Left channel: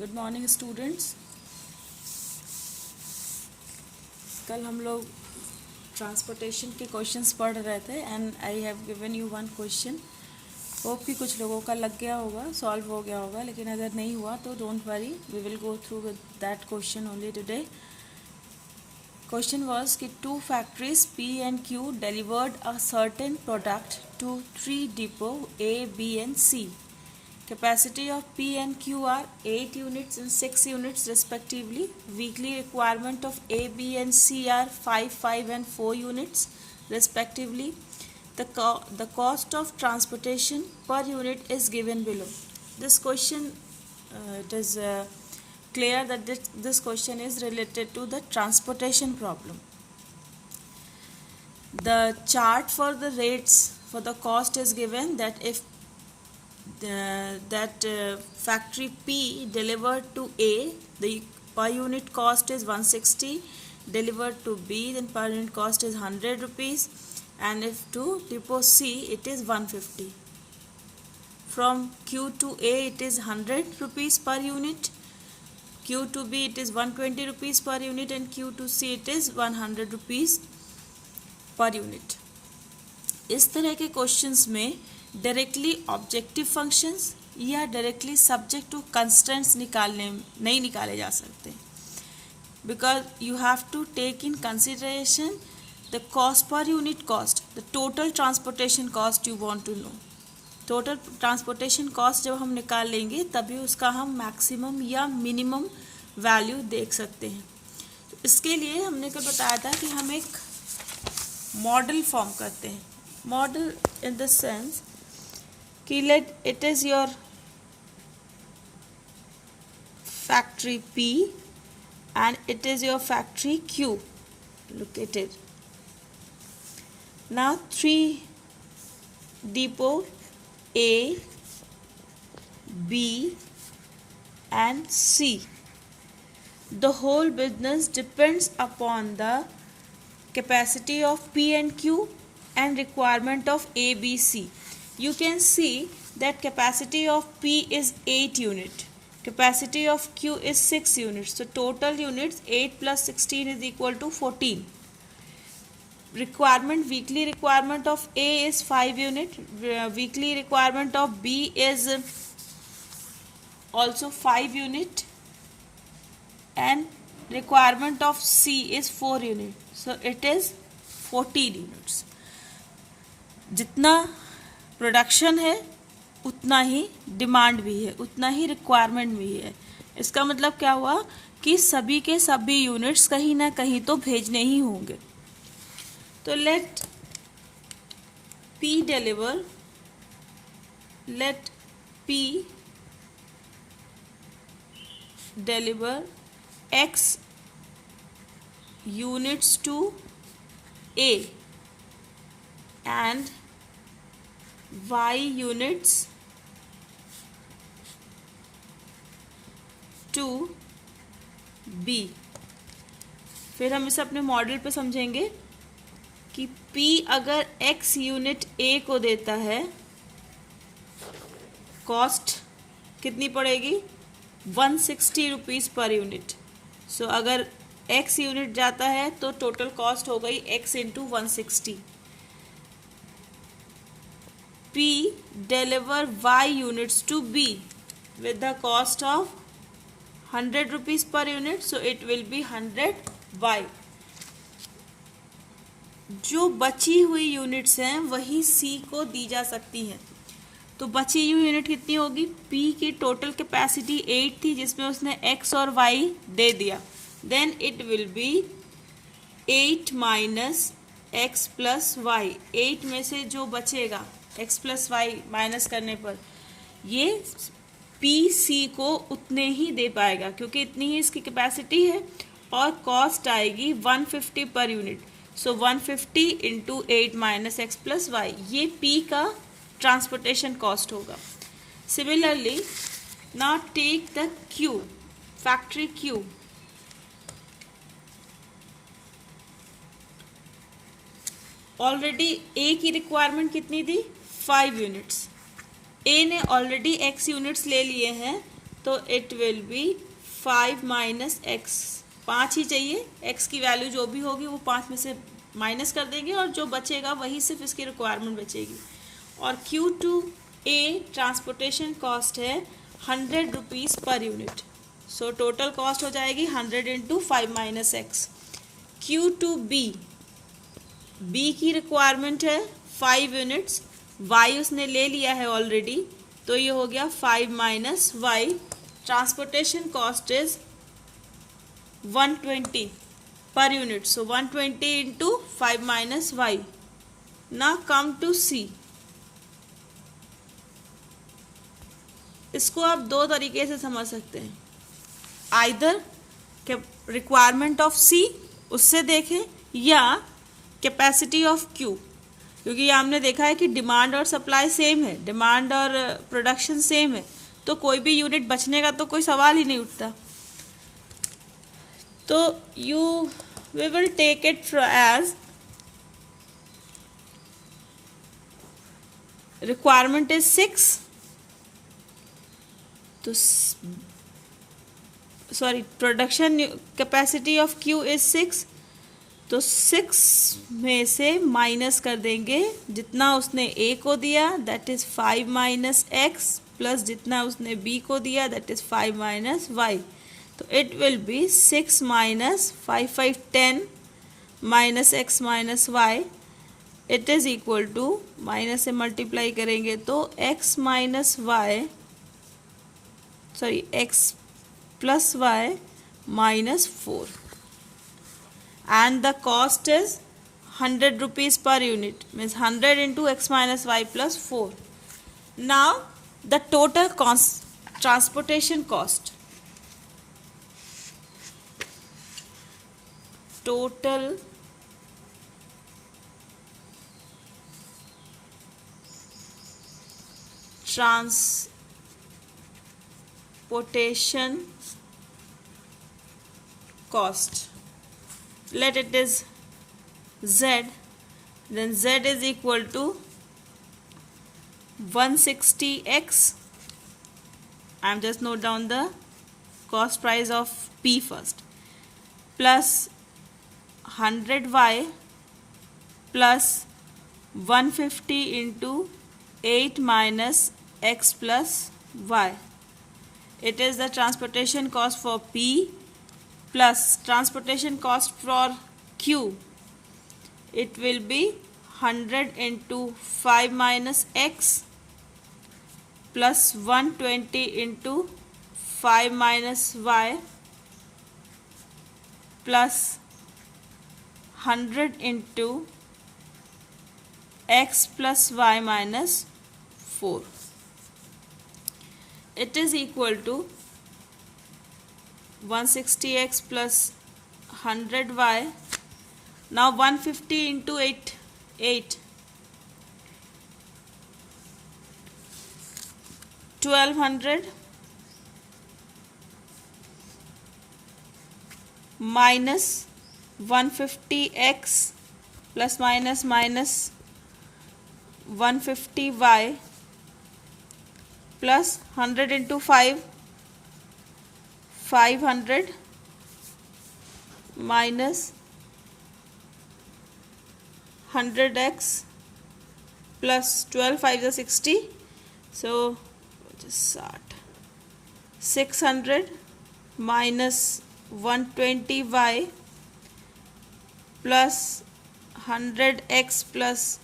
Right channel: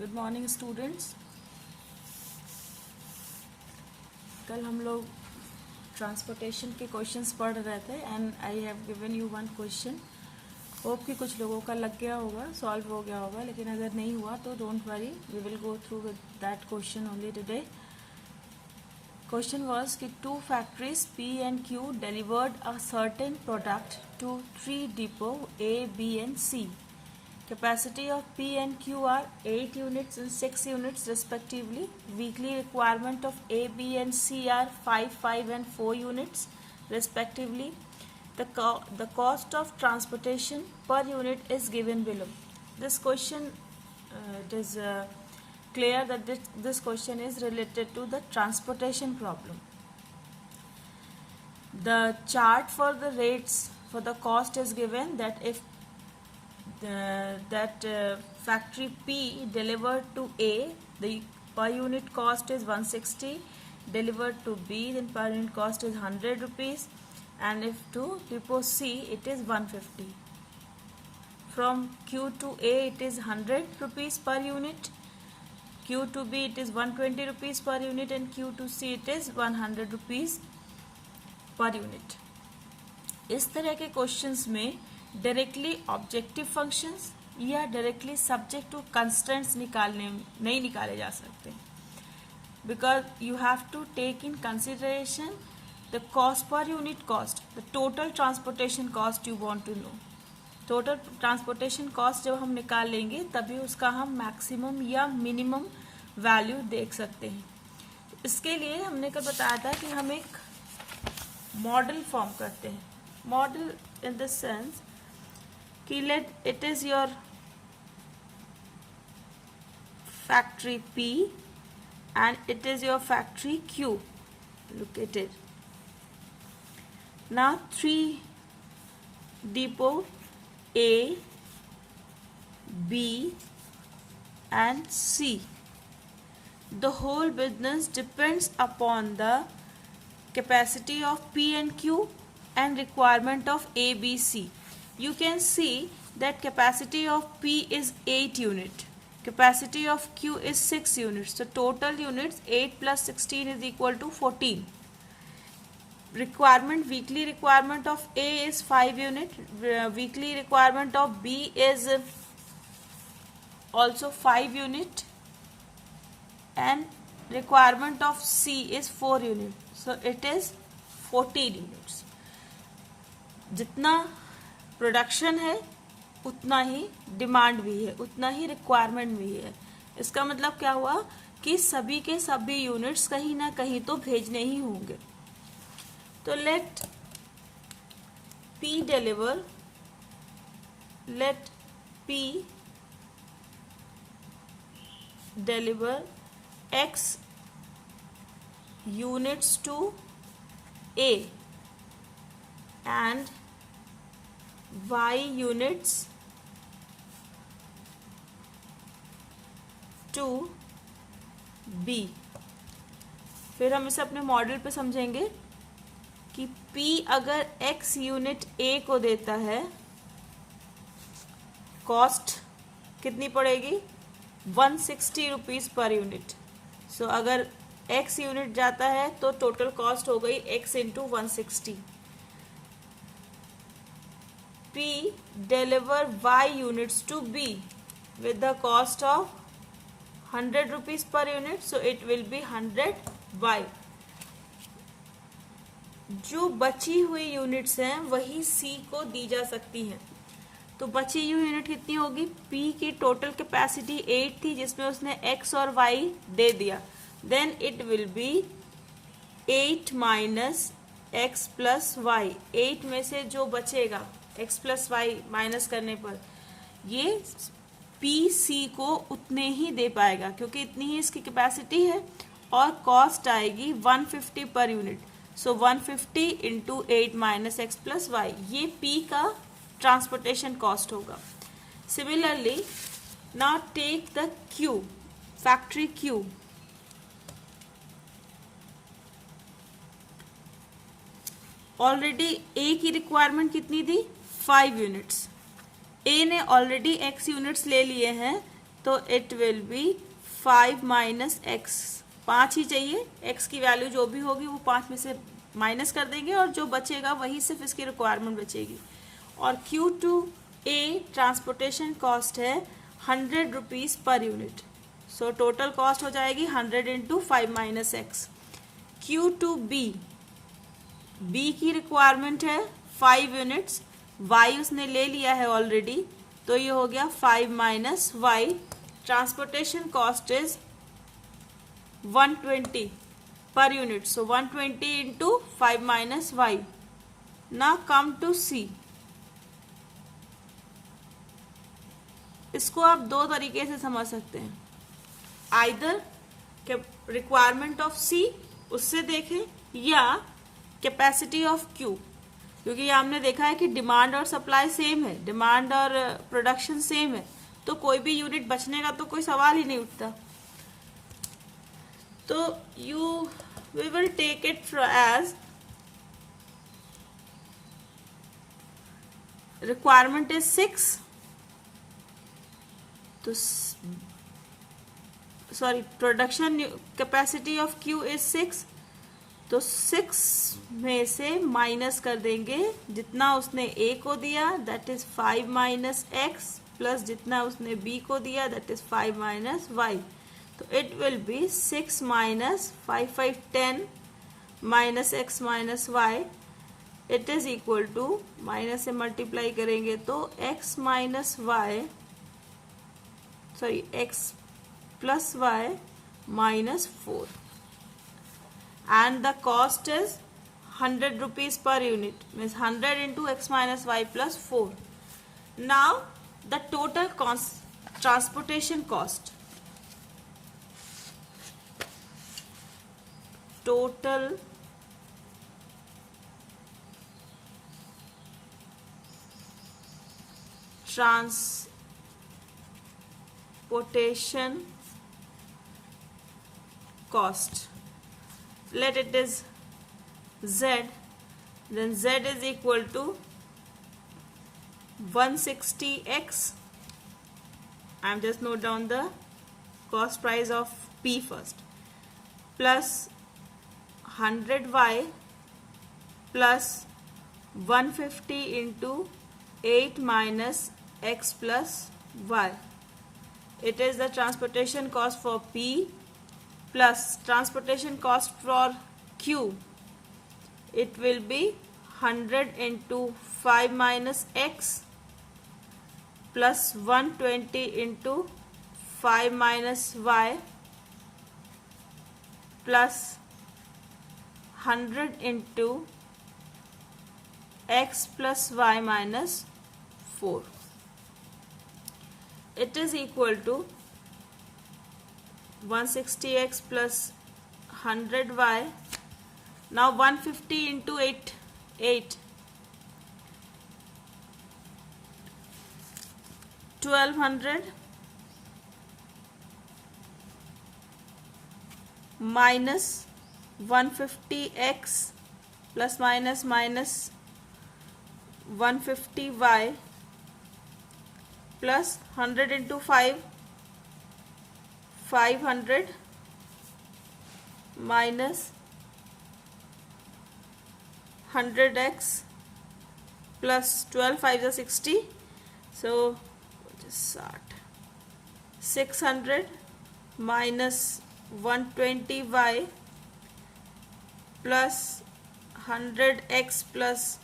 Good morning students. कल हम लोग ट्रांसपोर्टेशन के क्वेश्चंस पढ़ रहे थे and I have given you one question. Hope कि कुछ लोगों का लग गया होगा, सॉल्व हो गया होगा, लेकिन अगर नहीं हुआ तो don't worry, we will go through with that question only today. Question was कि two factories P and Q delivered a certain product to three depots A, B and C. Capacity of P and Q are 8 units and 6 units respectively. Weekly requirement of A, B and C are 5, 5 and 4 units respectively. The cost of transportation per unit is given below. This question it is clear that this question is related to the transportation problem. The chart for the rates for the cost is given that if factory P delivered to A, the per unit cost is 160, delivered to B, then per unit cost is 100 rupees, and if to depot C it is 150. From Q to A it is 100 rupees per unit, Q to B it is 120 rupees per unit, and Q to C it is 100 rupees per unit. इस तरह के questions में directly objective functions या directly subject to constraints नहीं निकाले जा सकते, because you have to take in consideration the cost per unit cost, the total transportation cost you want to know. Total transportation cost जब हम निकाल लेंगे तभी उसका हम मैक्सिमम या मिनिमम वैल्यू देख सकते हैं। तो इसके लिए हमने कल बताया था कि हम एक मॉडल फॉर्म करते हैं। मॉडल इन द सेंस कि let it is your factory P and it is your factory Q located. Now 3 depot A, B and C. The whole business depends upon the capacity of P and Q and requirement of A, B, C. You can see that capacity of P is 8 unit, capacity of Q is 6 units. So total units 8 plus 16 is equal to 14. Requirement, weekly requirement of A is 5 unit, weekly requirement of B is also 5 unit, and requirement of C is 4 unit. So it is 14 units. जितना production है उतना ही demand भी है, उतना ही requirement भी है। इसका मतलब क्या हुआ कि सभी के सभी यूनिट्स कहीं ना कहीं तो भेजने ही होंगे। तो late P deliver X units to A and Y units to B। फिर हम इसे अपने मॉडल पे समझेंगे कि P अगर X यूनिट A को देता है, कॉस्ट कितनी पड़ेगी 160 रुपीज़ पर यूनिट। सो अगर X यूनिट जाता है तो टोटल कॉस्ट हो गई X into 160। P deliver Y units to B with the cost of 100 rupees per unit, so it will be 100 Y। जो बची हुई यूनिट्स हैं वही C को दी जा सकती हैं। तो बची हुई यूनिट कितनी होगी, P की टोटल कैपेसिटी 8 थी जिसमें उसने X और Y दे दिया, then it will be 8 minus X plus Y। 8 में से जो बचेगा X प्लस Y माइनस करने पर ये PC को उतने ही दे पाएगा, क्योंकि इतनी ही इसकी कैपेसिटी है और कॉस्ट आएगी 150 पर unit. So 150 into 8 minus X plus Y, ये P का ट्रांसपोर्टेशन कॉस्ट होगा। Similarly now take the Q, factory Q। Already A की रिक्वायरमेंट कितनी थी 5 यूनिट्स। A ने ऑलरेडी X यूनिट्स ले लिए हैं तो it will be 5 minus x, 5 ही चाहिए, एक्स की वैल्यू जो भी होगी वो 5 में से माइनस कर देंगे और जो बचेगा वही सिर्फ इसकी रिक्वायरमेंट बचेगी। और Q2A ट्रांसपोर्टेशन कॉस्ट है 100 रुपीज़ पर यूनिट, सो टोटल कॉस्ट हो जाएगी 100 into 5 minus x. Q2B, B की रिक्वायरमेंट है 5 यूनिट्स, Y उसने ले लिया है ऑलरेडी, तो ये हो गया 5 minus Y, transportation cost is 120 per unit, so 120 into 5 minus y. Now come to C. इसको आप दो तरीके से समझ सकते हैं, आइदर रिक्वायरमेंट ऑफ C उससे देखें या कैपेसिटी ऑफ Q, क्योंकि हमने देखा है कि डिमांड और सप्लाई सेम है, डिमांड और प्रोडक्शन सेम है, तो कोई भी यूनिट बचने का तो कोई सवाल ही नहीं उठता। तो we will take it as requirement is 6, तो sorry production capacity of Q is 6, तो 6 में से माइनस कर देंगे जितना उसने A को दिया that is 5 minus x, plus जितना उसने B को दिया दैट इज 5 माइनस वाई, तो it will be 6 minus 5 5 10 minus x minus y, it is equal to, minus से मल्टीप्लाई करेंगे तो x minus y, sorry x plus y minus 4, and the cost is 100 rupees per unit, means 100 into x minus y plus 4. Now the total transportation cost, total transportation cost, let it is z, then z is equal to 160x. I am just note down the cost price of P first, plus 100y plus 150 into 8 minus x plus y. It is the transportation cost for P plus transportation cost for Q. It will be 100 into 5 minus x plus 120 into 5 minus y plus 100 into x plus y minus 4. It is equal to 160x plus 100y. Now 150 into 8 1200 minus 150x plus minus 150y plus 100 into 5 500 minus 100x plus 12 5 is 60, so 600 minus 120y plus 100x plus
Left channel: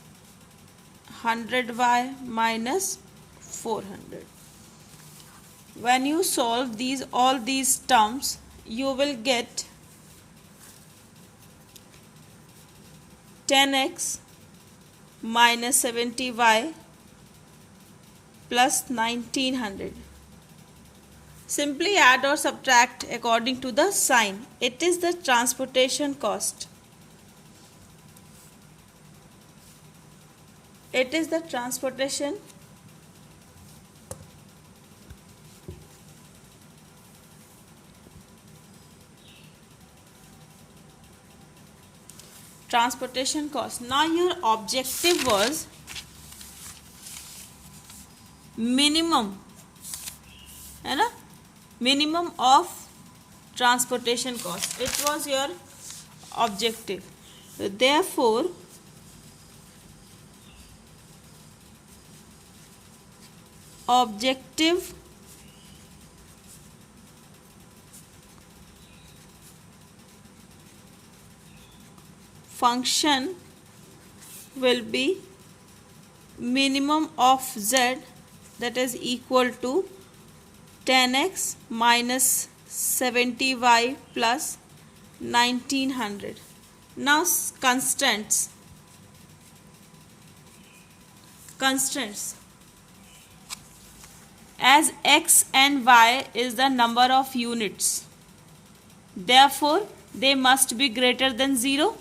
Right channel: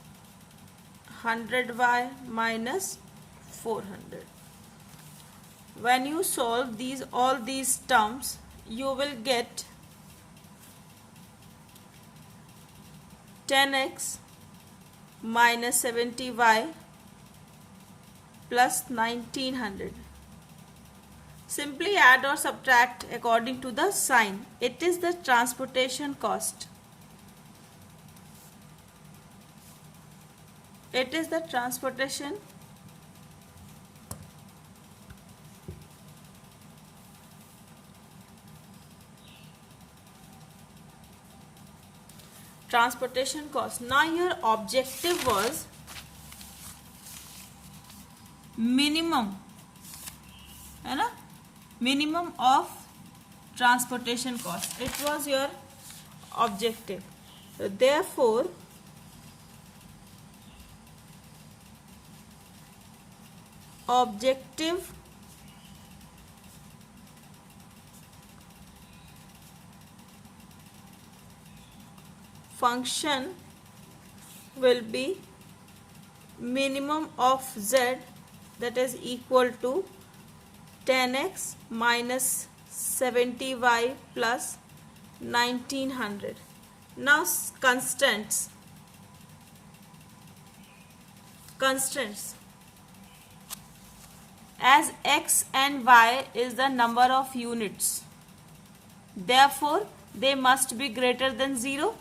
100y minus 400. When you solve all these terms, you will get 10x minus 70y plus 1900. Simply add or subtract according to the sign. It is the transportation cost. It is the transportation cost. Now your objective was minimum, है ना, minimum of transportation cost. It was your objective. So therefore objective function will be minimum of z, that is equal to 10x minus 70y plus 1900. Now constants. As x and y is the number of units, therefore they must be greater than 0.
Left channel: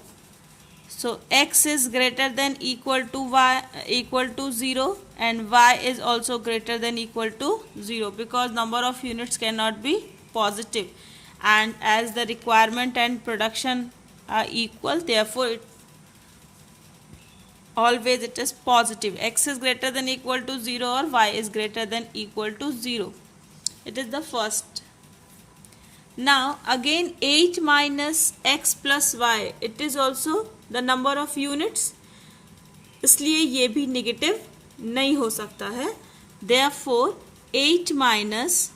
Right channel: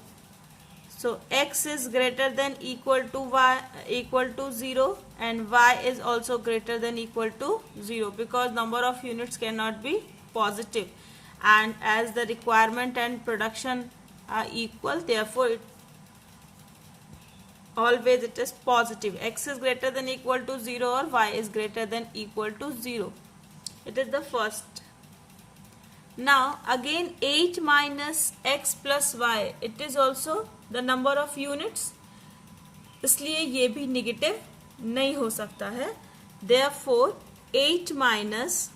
So x is greater than equal to y equal to 0 and y is also greater than equal to 0, because number of units cannot be positive, and as the requirement and production are equal, therefore always it is positive. X is greater than equal to 0 or y is greater than equal to 0. It is the first. Now again 8 minus x plus y, it is also the number of units, इसलिए ये भी negative नहीं हो सकता है. Therefore 8 minus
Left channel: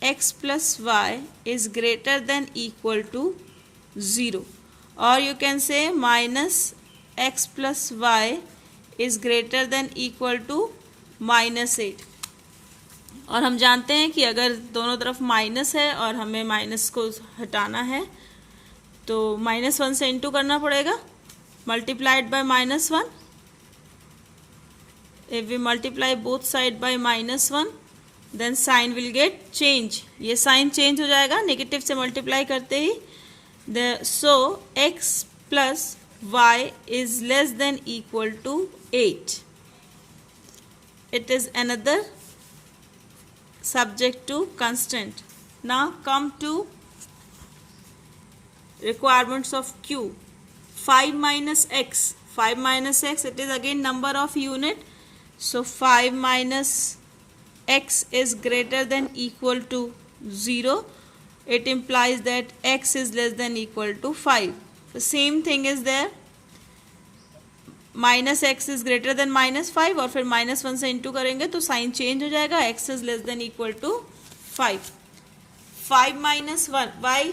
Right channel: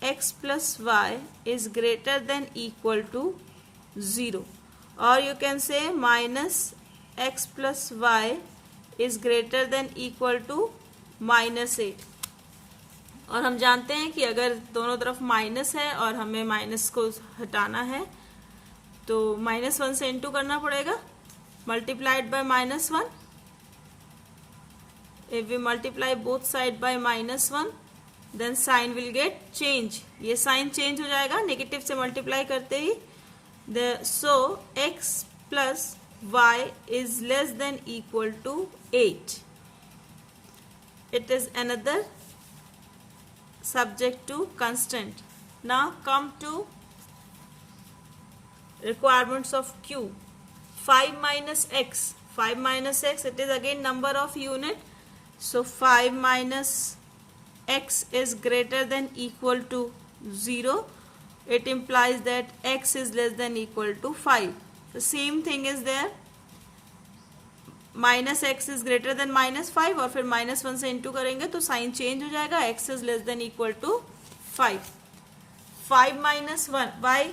x plus y is greater than equal to 0, or you can say minus x plus y is greater than equal to minus 8. और हम जानते हैं कि अगर दोनों तरफ माइनस है और हमें माइनस को हटाना है तो -1 से इंटू करना पड़ेगा, multiplied by -1. If we multiply both side by -1 then sign will get change. ये साइन चेंज हो जाएगा नेगेटिव से मल्टीप्लाई करते ही. So x plus y is less than equal to 8. It is another subject to constant. Now come to requirements of Q. 5 minus x. 5 minus x, it is again number of unit. So 5 minus x is greater than equal to 0. It implies that x is less than equal to 5. The same thing is there. Minus x is greater than -5 और फिर -1 से into करेंगे तो sign change हो जाएगा. X is less than equal to 5. 5 minus 1 y,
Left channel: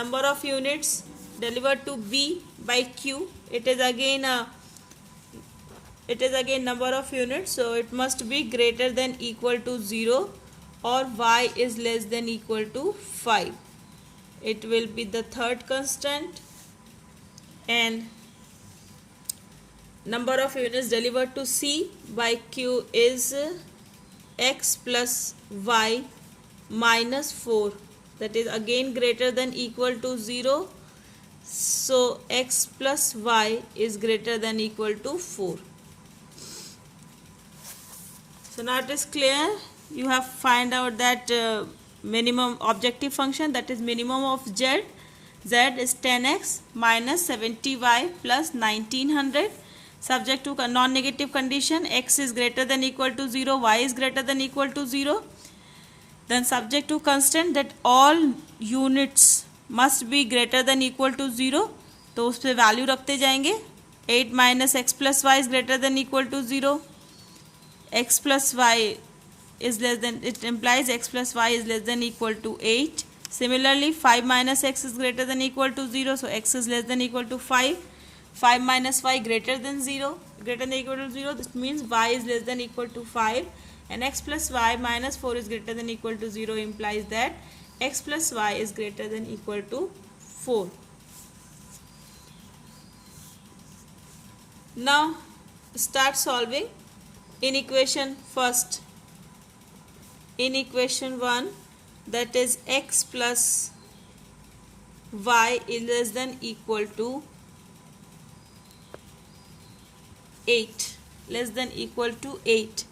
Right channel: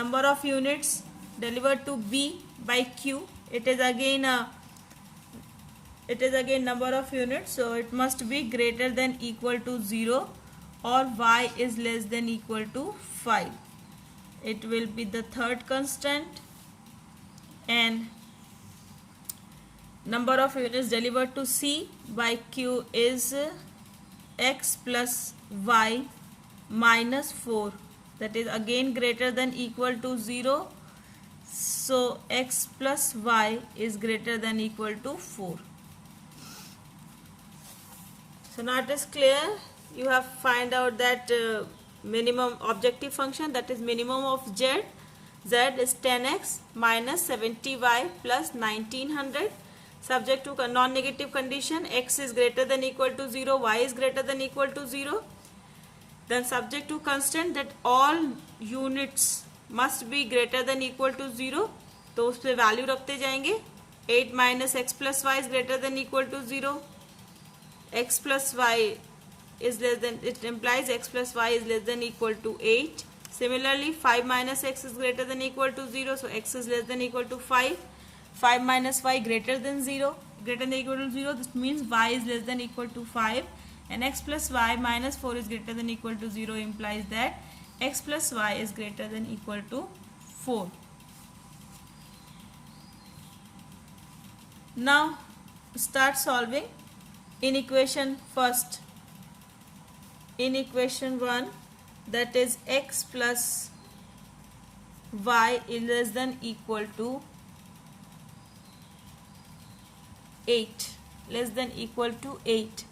number of units delivered to b by q. It is again number of units, so it must be greater than equal to 0 or y is less than equal to 5. It will be the third constant. And number of units delivered to C by Q is x plus y minus 4. That is again greater than equal to 0. So x plus y is greater than equal to 4. So now it is clear. You have find out that minimum objective function, that is minimum of z. Z is 10x minus 70y plus 1900. Subject to non-negative condition, x is greater than equal to 0, y is greater than equal to 0. Then subject to constant that all units must be greater than equal to 0. तो उस पर value रखते जाएंगे. 8 minus x plus y is greater than equal to 0. X plus y is less than, it implies x plus y is less than equal to 8. Similarly 5 minus x is greater than equal to 0, so x is less than equal to 5. 5 minus y greater than 0, greater than equal to 0, this means y is less than equal to 5, and x plus y minus 4 is greater than equal to 0 implies that x plus y is greater than equal to 4. Now start solving. In equation first, in equation 1, that is x plus y is less than equal to 8, less than equal to 8.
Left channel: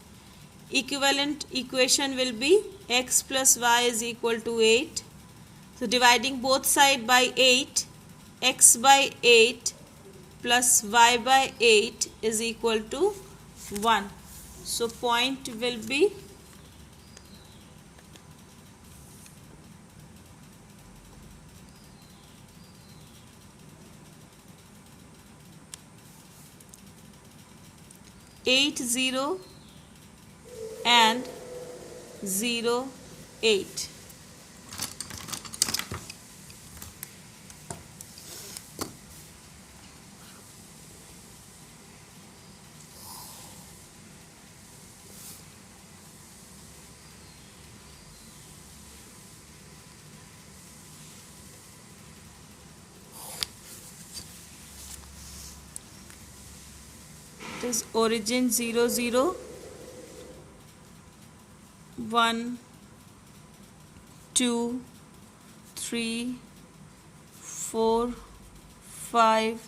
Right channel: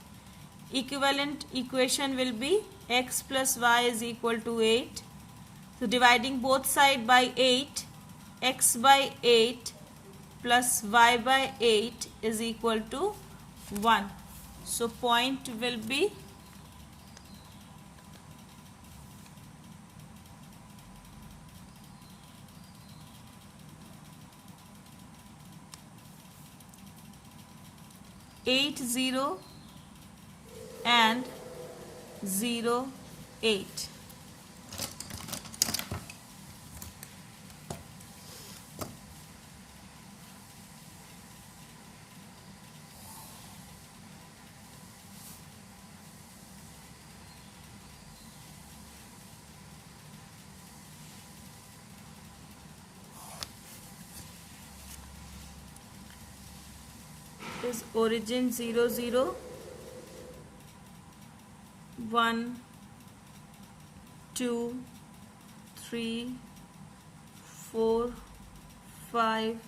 Equivalent equation will be x plus y is equal to 8. So dividing both side by 8, x by 8 plus y by 8 is equal to 1. So point will be eight zero and 08. This origin 00 1 2 3 4 5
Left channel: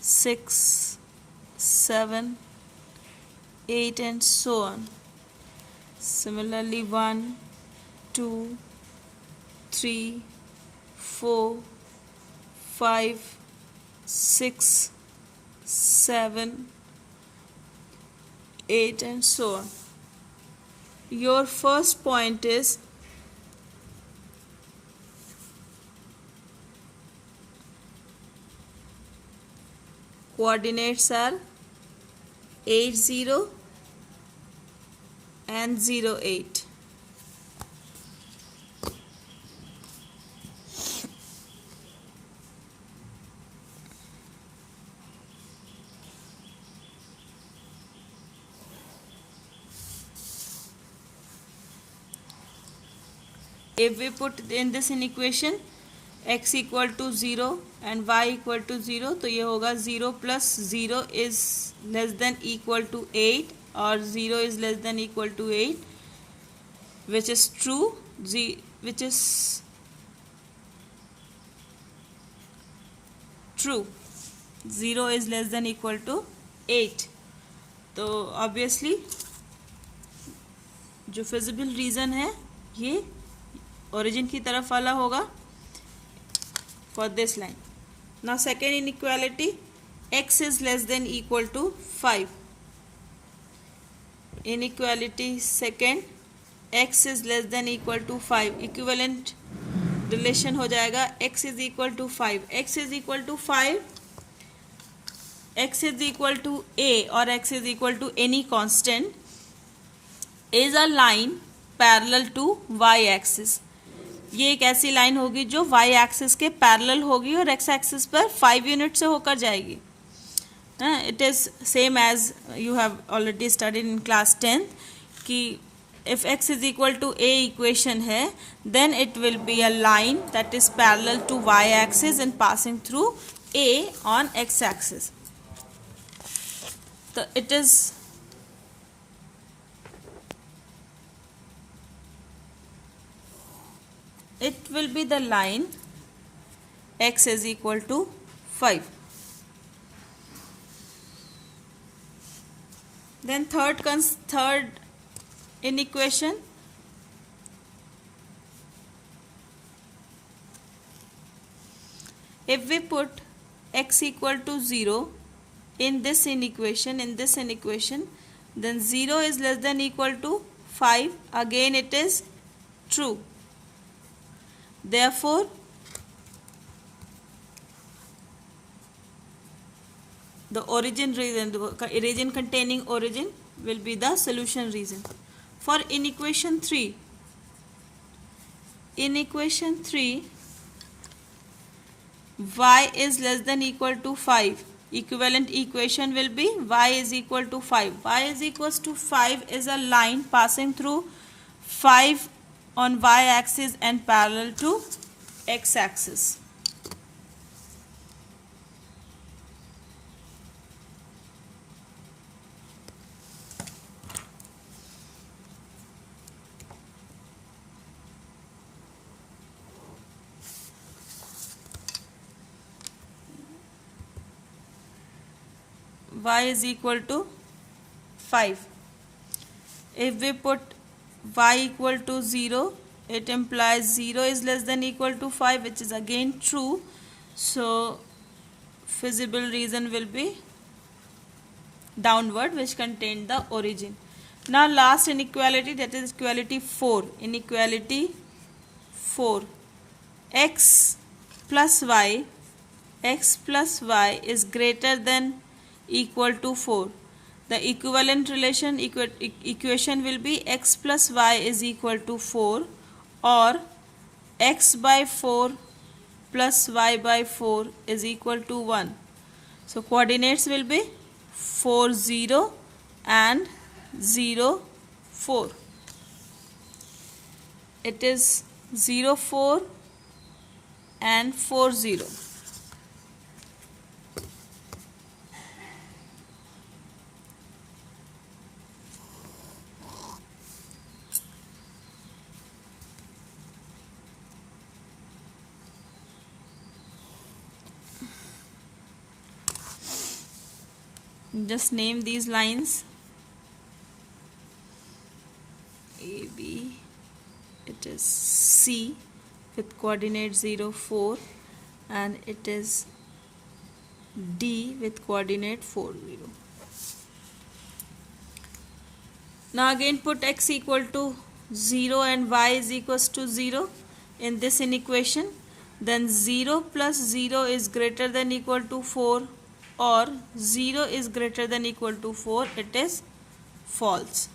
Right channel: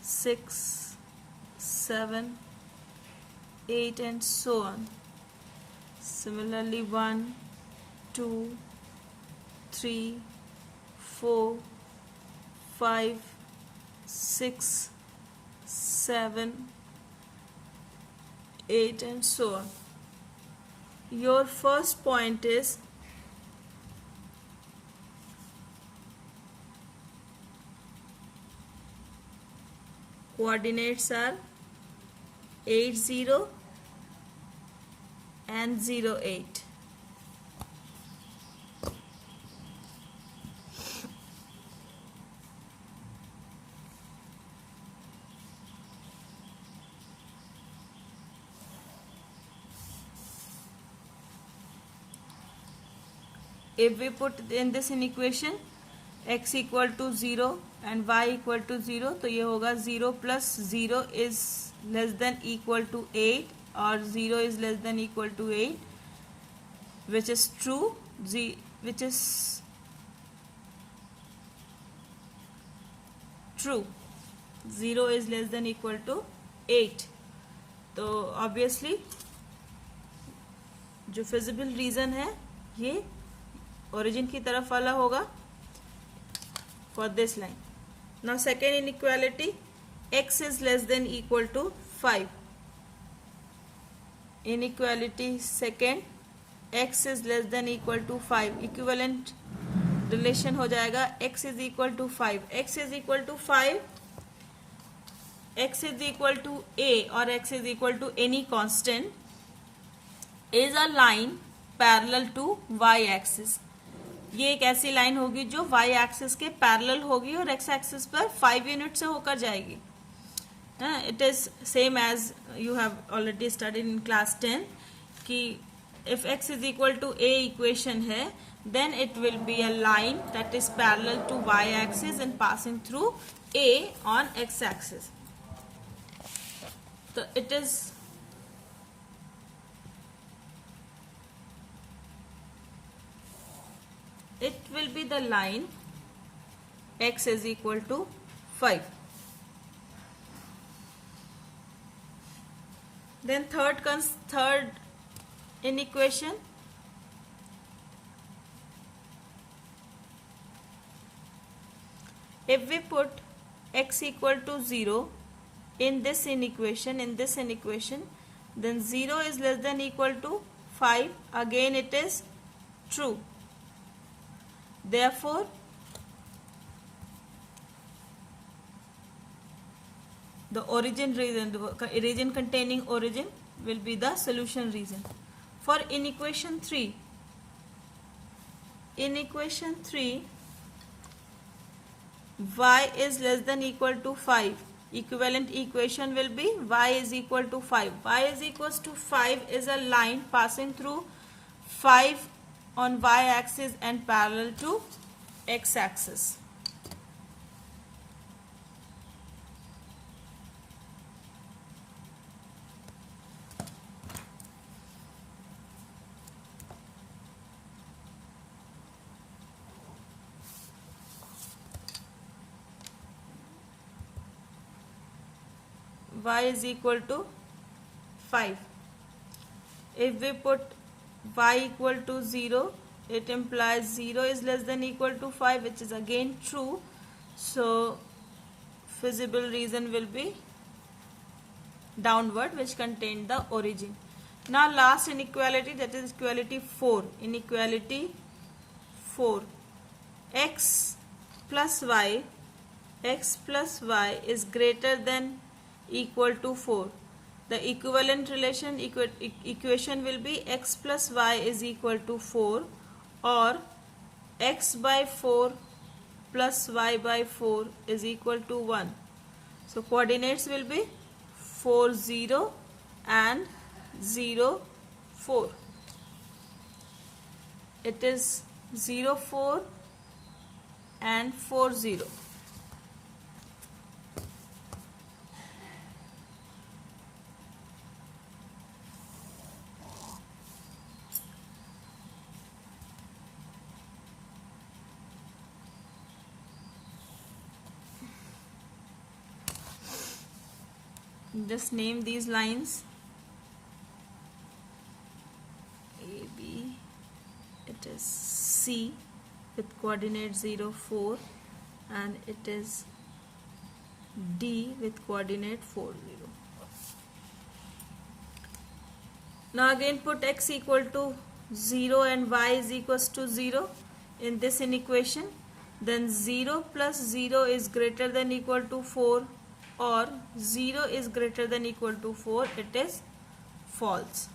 6 7 8 and so on. Similarly 1 2 3 4 5 6 7 8 and so on. Your first point is coordinates are 80 and 08. If we put in this in equation x equal to 0 and y equal to 0, तो ये होगा 0 plus 0 is less than equal to 8 और 0 is less than equal to 8, which is true, which is true. 0 is less than equal to 8. तो obviously जो feasible reason है ये origin की तरफ वाला होगा for this line. Now second inequality, x is less than equal to 5. Inequality second, x is less than equal to 5. Equivalent relation हो जाएगा x is equal to 5. x is equal to 5, x is equal to a or x is equal to any constant is a line parallel to y axis. ये एक ऐसी line होगी जो y axis के parallel होगी और x axis पर 5 unit से होकर जाएगी. It is same as you have already studied in class 10 कि if x is equal to a equation है then it will be a line that is parallel to y axis and passing through a on x axis. तो it is it will be the line x is equal to 5. Then third inequation, if we put x equal to 0 in this inequation, then 0 is less than equal to 5. Again it is true. Therefore the origin reason, the region containing origin will be the solution region. For inequation 3, y is less than equal to 5. Equivalent equation will be y is equal to 5. Y is equals to 5 is a line passing through 5 on y axis and parallel to x axis. Y is equal to 5. If we put y equal to 0, it implies 0 is less than equal to 5, which is again true. So feasible reason will be downward, which contain the origin. Now last inequality, that is equality 4. Inequality 4. X plus y is greater than equal to 4. The equivalent relation equation will be x plus y is equal to 4 or x by 4 plus y by 4 is equal to 1. So coordinates will be 4 0 and 0 4. It is 0 4 and 4 0. Just name these lines. A, B, it is C with coordinate 0 4 and it is D with coordinate 4 0. Now again put x equal to 0 and y is equals to 0 in this inequation. Then 0 plus 0 is greater than equal to 4 or 0 is greater than equal to 4, it is false.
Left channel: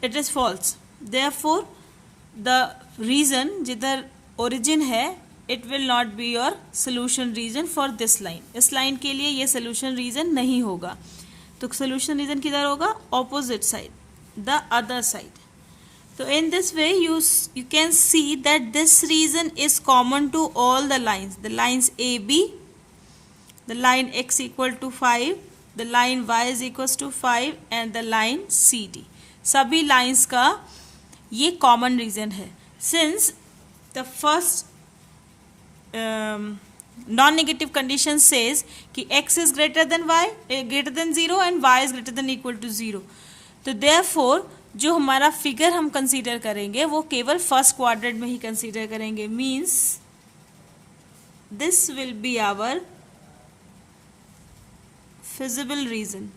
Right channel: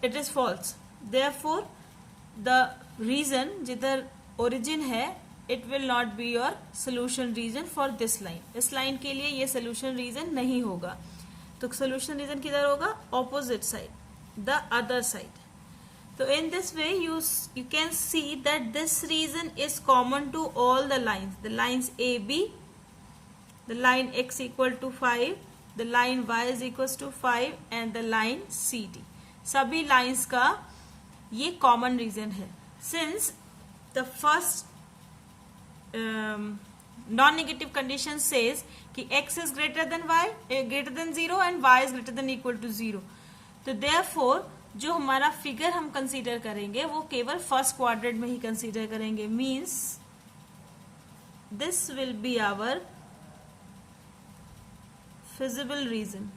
It is false. Therefore, the reason जिधर origin है, it will not be your solution reason for this line. इस line के लिए ये solution reason नहीं होगा. तो solution reason किधर होगा? Opposite side, the other side. So in this way you can see that this reason is common to all the lines. The lines AB, the line x equal to 5, the line y is equals to 5 and the line CD. सभी lines का ये common reason है. Since the first non-negative condition says कि x is greater than y, greater than 0 and y is greater than equal to 0. तो therefore जो हमारा figure हम consider करेंगे वो केवल फर्स्ट क्वाड्रेंट में ही कंसीडर करेंगे. Means this will be our feasible region.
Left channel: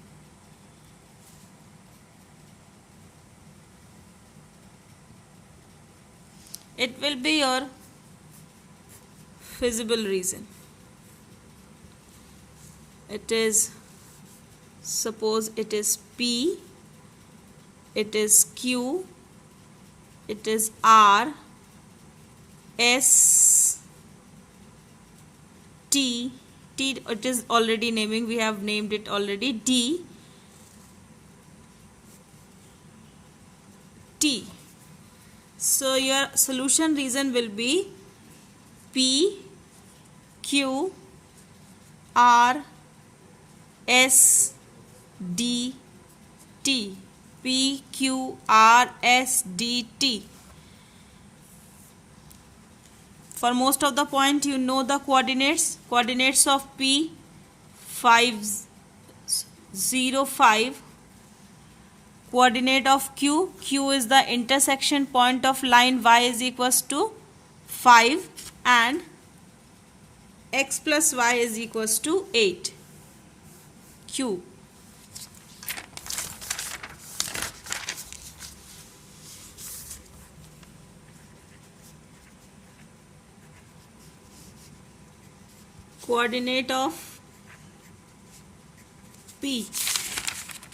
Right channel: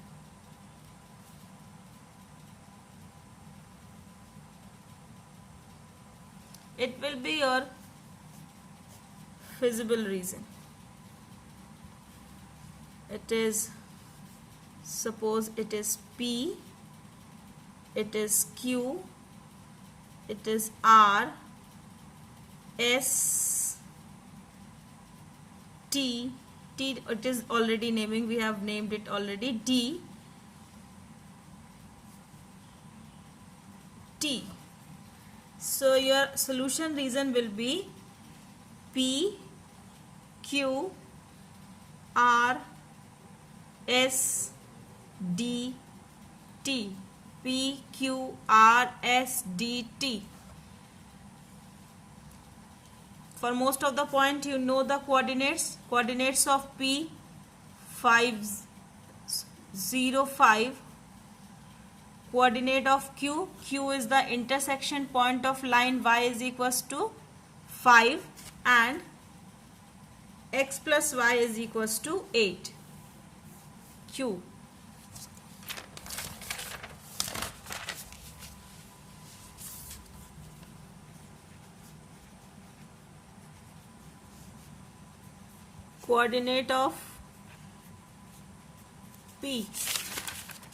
It will be your feasible reason. It is, suppose it is P, it is Q, it is R, S, T, it is already naming, we have named it already, D, T. So your solution reason will be P, Q, R, S, D, T. P, Q, R, S, D, T. For most of the point you know the coordinates. Coordinates of P 5 0 5. Coordinate of Q, Q is the intersection point of line y is equals to 5 and x plus y is equals to 8. Q. Coordinate of P.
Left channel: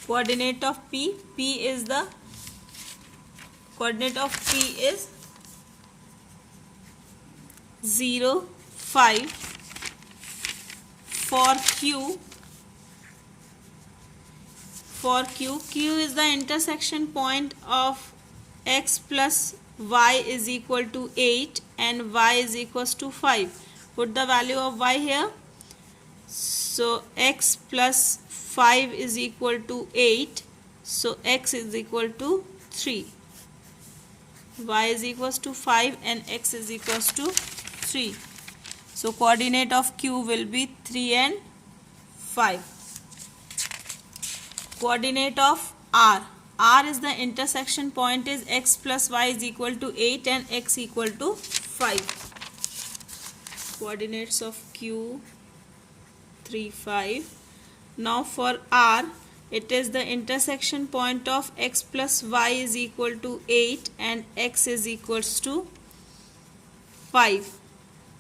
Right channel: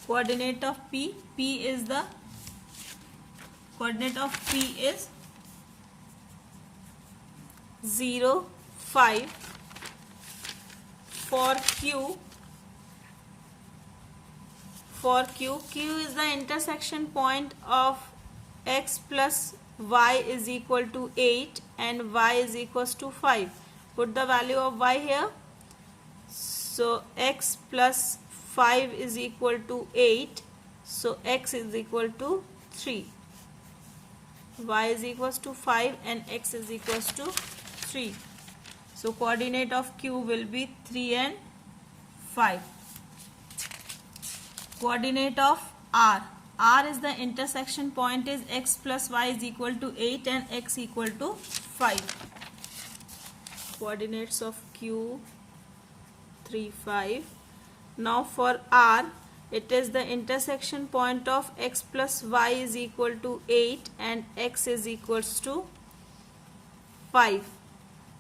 Coordinate of P. P is the coordinate of P is 0 5. For Q, Q is the intersection point of x plus y is equal to 8 and y is equals to 5. Put the value of y here. So x plus 5 is equal to 8. So x is equal to 3. Y is equals to 5 and x is equals to 3. So coordinate of Q will be 3 and 5. Coordinate of R. R is the intersection point is x plus y is equal to 8 and x equal to 5. Coordinates of Q 3 5. Now for R, It is the intersection point of x plus y is equal to 8 and x is equals to 5.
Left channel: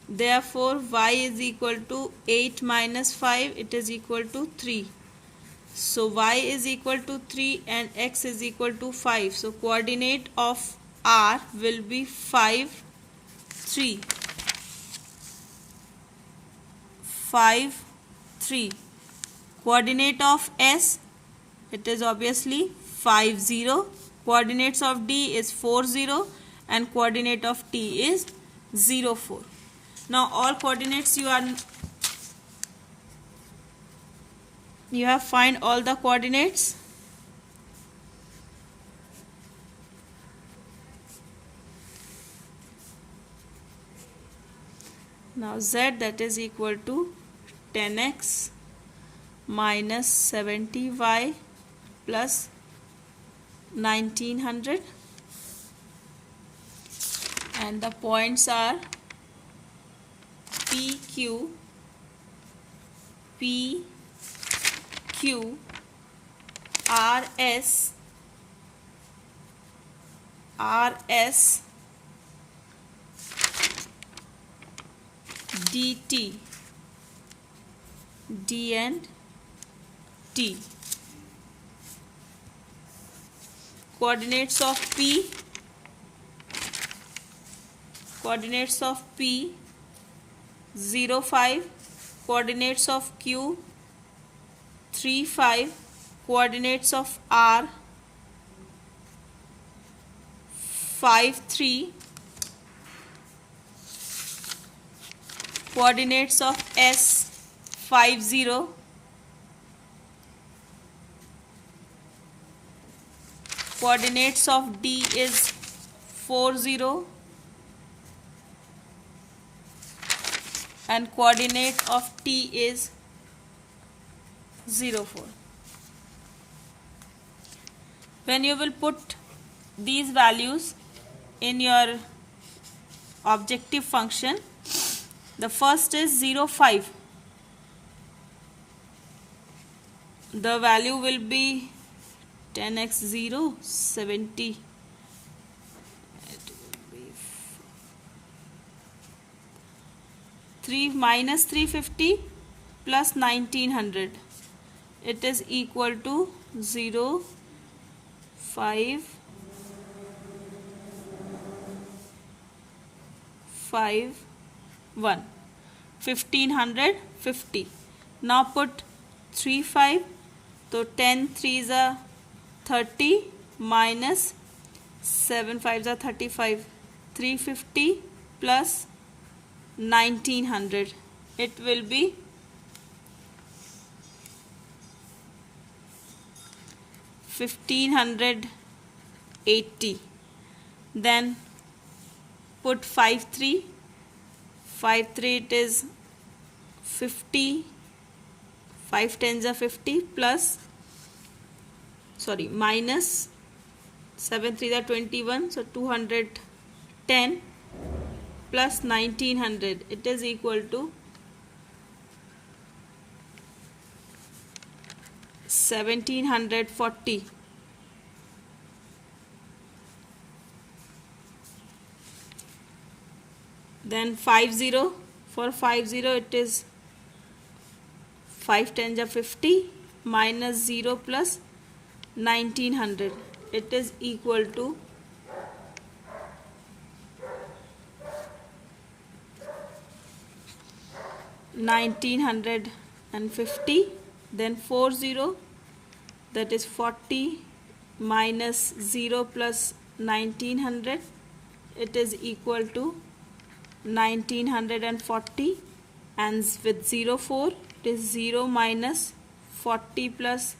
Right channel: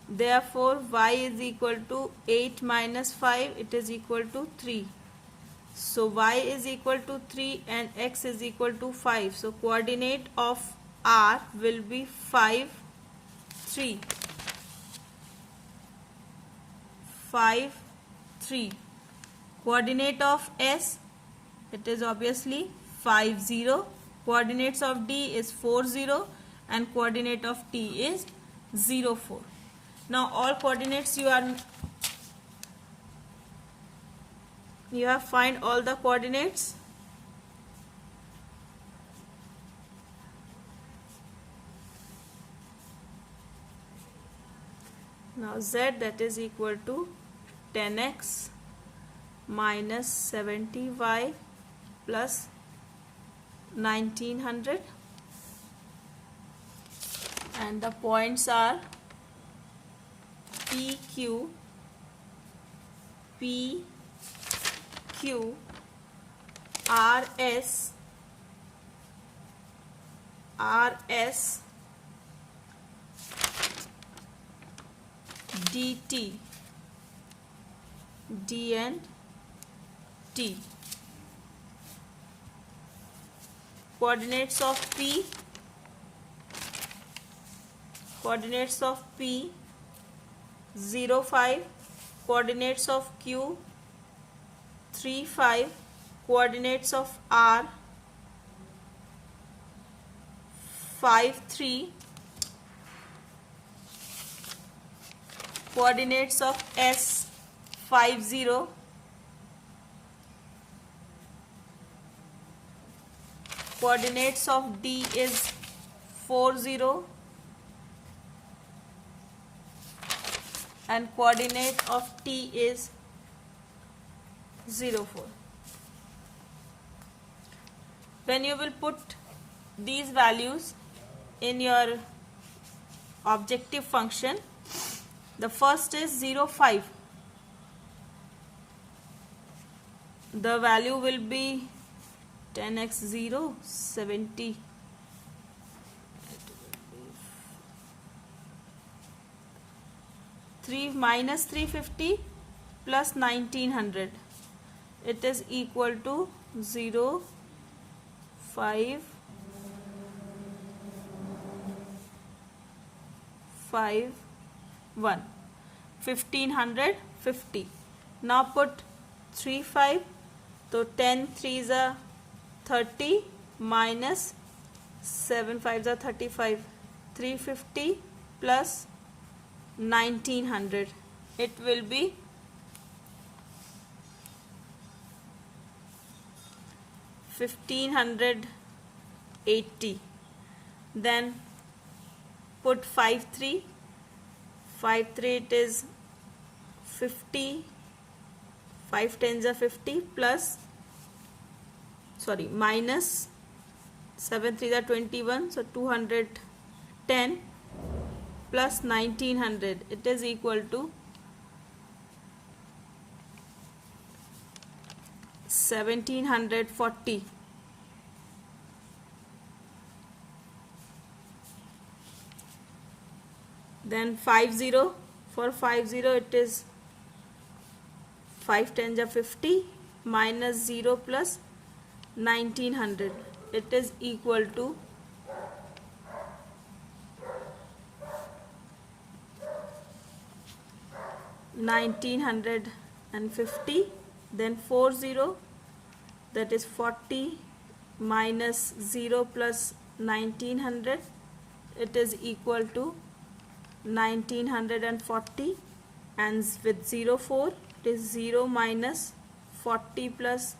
Therefore, y is equal to 8 minus 5, it is equal to 3. So, y is equal to 3 and x is equal to 5. So, coordinate of R will be 5, 3. 5, 3. Coordinate of S, it is obviously 5, 0. Coordinates of D is 4, 0 and coordinate of T is 0, 4. Now all coordinates you have find all the coordinates. Now Z, that is equal to 10x minus 70y plus 1900, and the points are PQ, PQ, RS, DT, D and T. Coordinates of P, 0, 5. Coordinates of Q, 3, 5. Coordinates of R, 5, 3. Coordinates of S, 5, 0. Coordinates of D is 4, 0. And coordinate of T is 0, 4. When you will put these values in your objective function, the first is 0, 5. The value will be 10x 0, 70. It will be 3 minus 350 plus 1900. It is equal to 0, 5, 5, 1. 1550. Now put 3, 5. So 10 3s are 30 minus 7 5s are 35. 350 plus 1900. It will be 1580. Then put 5 3. 5 3, it is 50. 5 10s are 50 plus minus 7 3s are 21. So 210 plus 1900. It is equal to 1740. Then 50. For 50, it is 5 10s are 50 minus 0 plus 1900. It is equal to 1950. Then 40, that is 40 minus 0 plus 1900. It is equal to 1940, and with 0 4, it is 0 minus 40 plus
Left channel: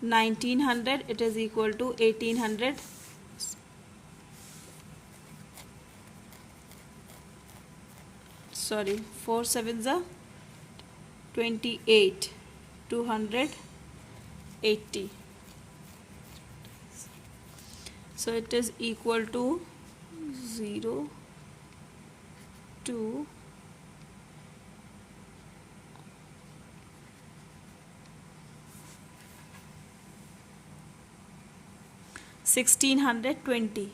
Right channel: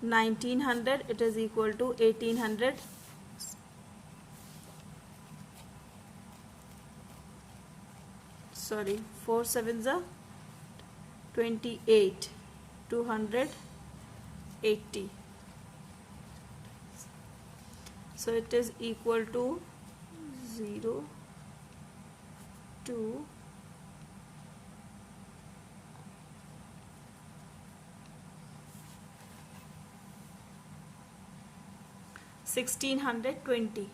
1900. It is equal to 1800. 4 7s are 28. 280. So it is equal to 0 2 0 1620.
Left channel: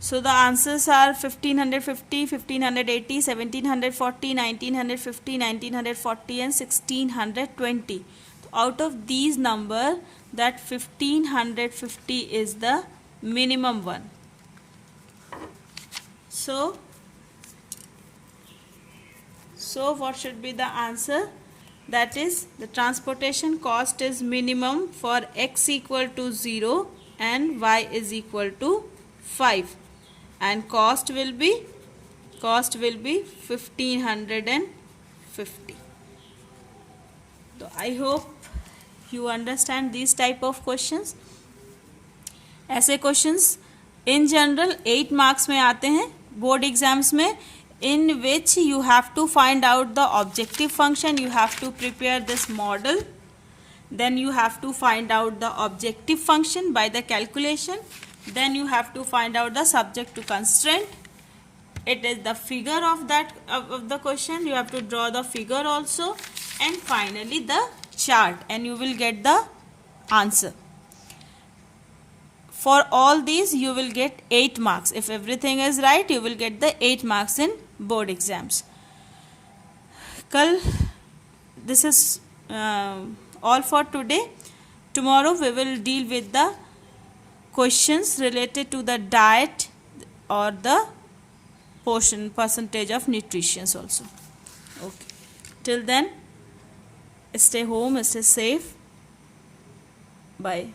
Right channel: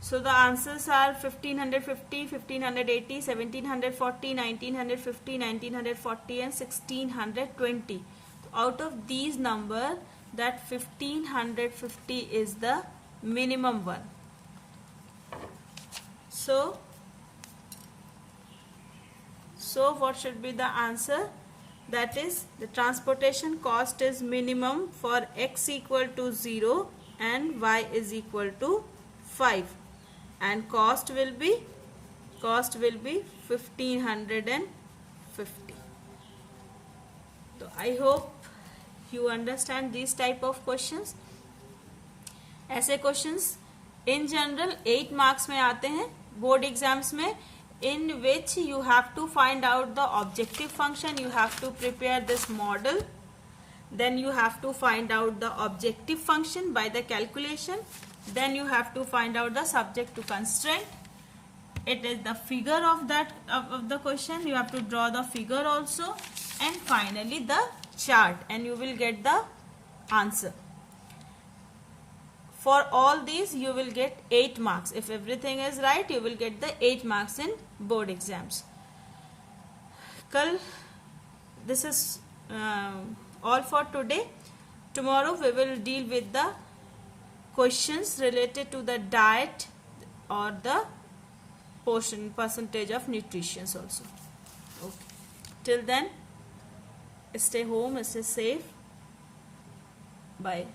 So the answers are 1550, 1580, 1740, 1950, 1940 and 1620. Out of these number, that 1550 is the minimum one. So what should be the answer? That is, the transportation cost is minimum for x equal to 0 and y is equal to 5, and cost will be 1550. So I hope you understand these type of questions. ऐसे questions in general 8 marks में आते हैं board exams में, in which you have to find out the objective function, you have to prepare this model, then you have to find out the objective function by the calculation, then you have to find out the subject to constraint. It is the figure of that of the question, you have to draw the figure also, and finally the chart, and you will get the answer. For all these you will get 8 marks. If everything is right, you will get the 8 marks in board exams. This is all for today. Tomorrow we will deal with the questions related to the diet or the percentage of nutrition also. Okay. Till then, stay home, stay safe. Bye.